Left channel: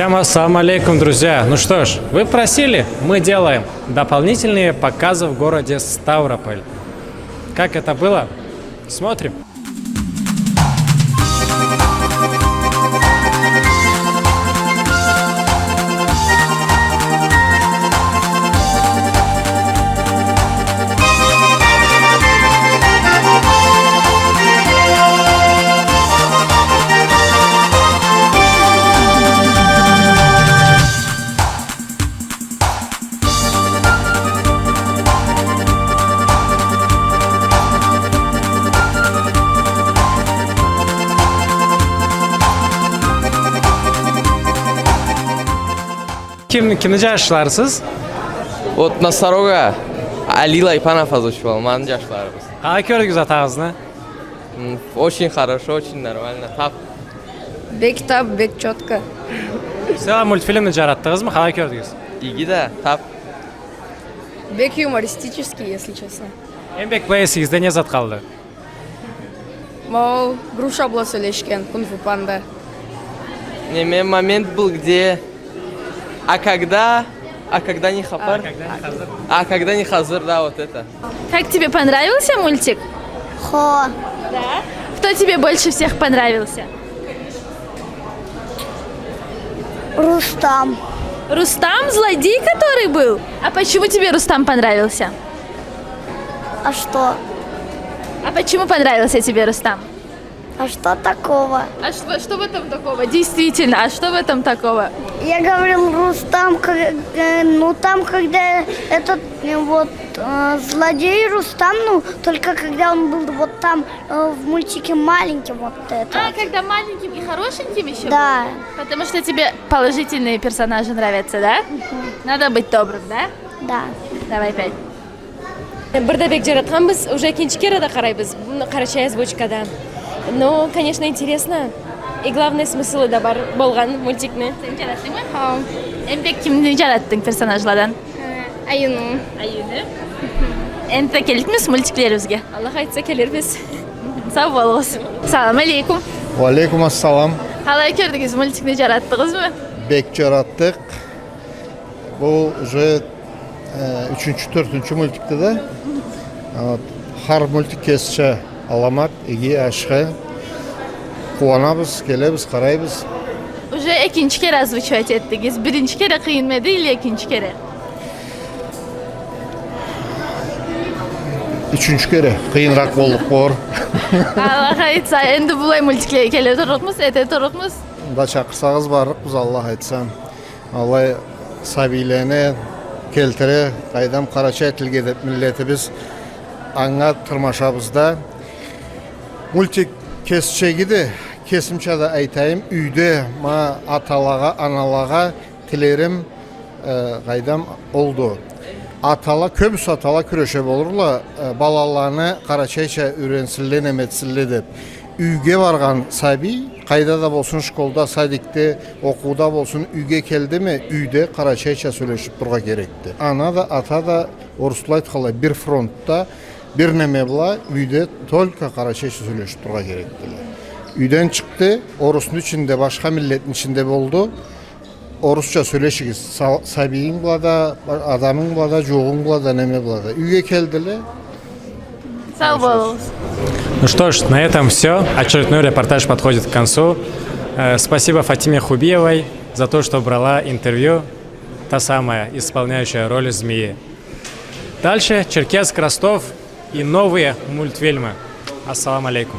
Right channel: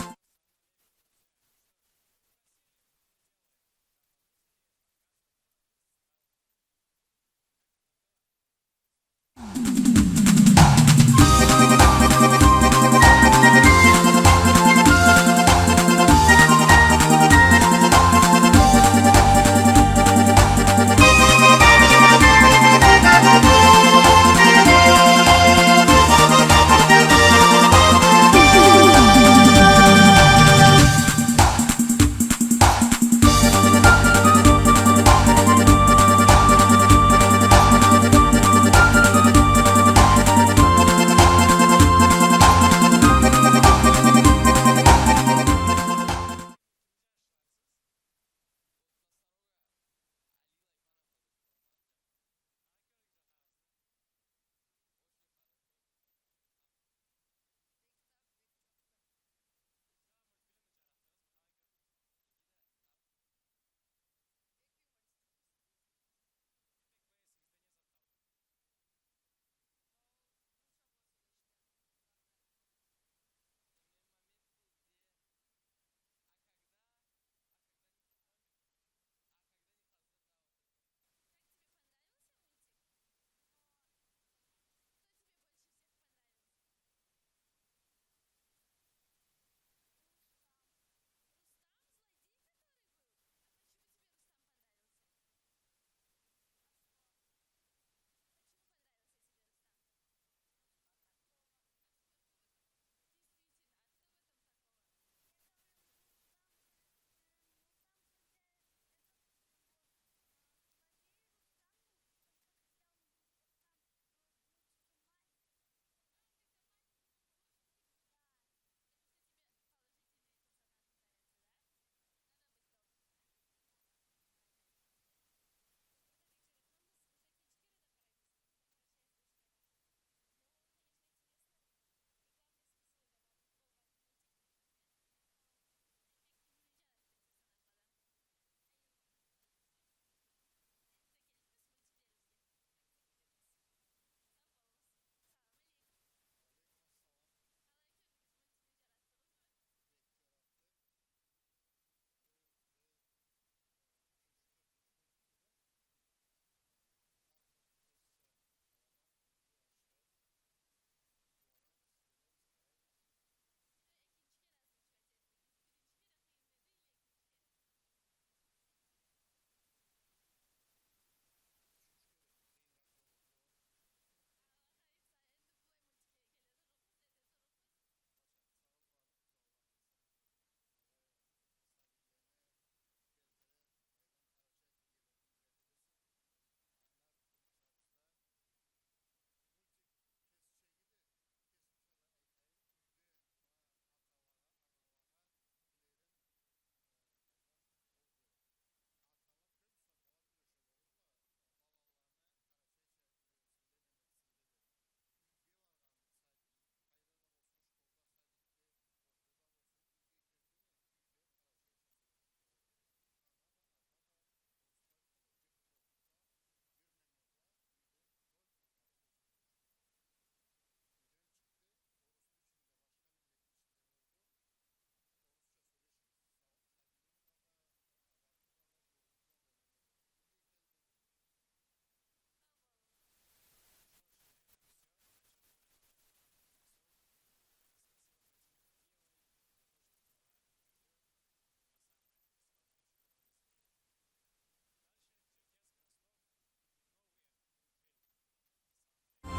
Всем ассаламу алейкум, друзья. Ну что ж, вы просили, мы делаем дополнительные показы в городе Ставрополь. Как это было? Смотрим. Kimni yaşlarsınız? Вот Носорога Алила Ипанов озвучивал, манджашларбыз. Қалай көрдіңіз атағызны? Очень хорошо, очень нормально. Тап. Бек тап, бек четко. Сіз мультфильмді жараттыңыз ма? Қалай көрдіңіз? Иги да, тап. Бек юмористический, если честно. Еңбек бәйесіңізде не зат қалды? Мол, груша была сөйлешкен, кунг-фу панда. Не, момент был, где... А когда не хапар? А когда не хазыр, да, вот это. Как тебе понравился мультик? Хо. Да. Кто тебе больше всех понравился? Рустам. Рустам, злодей, который был? А почему тебе Рустам понравился? А что? А почему понравился тебе Рустам? А что такого? А что в этом такого? Действительно, а что в этом такого? Я говорил Рустам, ну там, когда этот вот злодей Рустам, ну только когда он был вот там в мультике маленьким вот это. А, когда маленьким и хорошеньким еще Да. был? Потому что тебе положительные персонажи нравятся, да? Надо быть добрым, да? Да. Давай 5. Бірді бек жаратқанбыз, уже екіншіге да қарайбыз, қарачай озвучкада. Но, конечно, интересно. И главный смысл да бар болған мультикні. Сен жараттың ма? Эмбек кимди жараттың персонажлардан? Аюну. Аюны. Энті келдіңіз мультиклерімізге? Аллах айтса келербіз. Сау болыңыз. Салам алейкум. Алейкум ассалам. Қалай көрдіңіз мультикні жараттыңыз ма? Бек жараттық. Бұл уже 3-4 мультикті да. Har мультик кесші аламат, еге ашқа. Қуанабыз, келебіз, қарайбыз. Уже ikinci kere озвучивать ettiniz. Birinci kere kıyılmadı ile ikinci kere? Üçüncü kere қиынрақ болдық қор. Allah айтса, енді бұлай мультиклер келе тұрықмыз, ете тұрықмыз. Да шақырсағыз барық біз Аллах айтсам. Аллай сабилені келтіре, қайдам қарачай тілге деп миллетібіз аңа тұрмашабызда. Мультик кесшегіді, кесімшада айтайым, үйде ма аталаға, аналаға тілерім қайдам олды. Атала, көбіс атала күреше болырла, балаланы қарачайша үйренсілі, неметсілі деп. Үйге барған саби, қайда да болсын школда, садикте, оқуда болсын, үйге келді ме, үйде қарачайша сөйлешіп тұрға керекті. Ана да, ата да, орыслайт қалай, бір фронтта, бір неме бұла, үйде только қарачайша сөйлешіп тұрға керекті. Үйден шықты, орысын ішінде, башқа миллеттің ішінде болды. Орысша сөйлешігіз, сабиің бұлада, адамың бұлада, жоғың бұлада, неме бұлада. Үйге келділі. Сау болыңыз. Ну что ж, на этом все. Очередной репортаж подходит к концу. Спасибо Фатиме Хубиевой за то, что брала интервью, та самая исполняющая роль змеи. Дальше Черкесск, Ростов и новые мультфильмы. Ассаламу алейкум.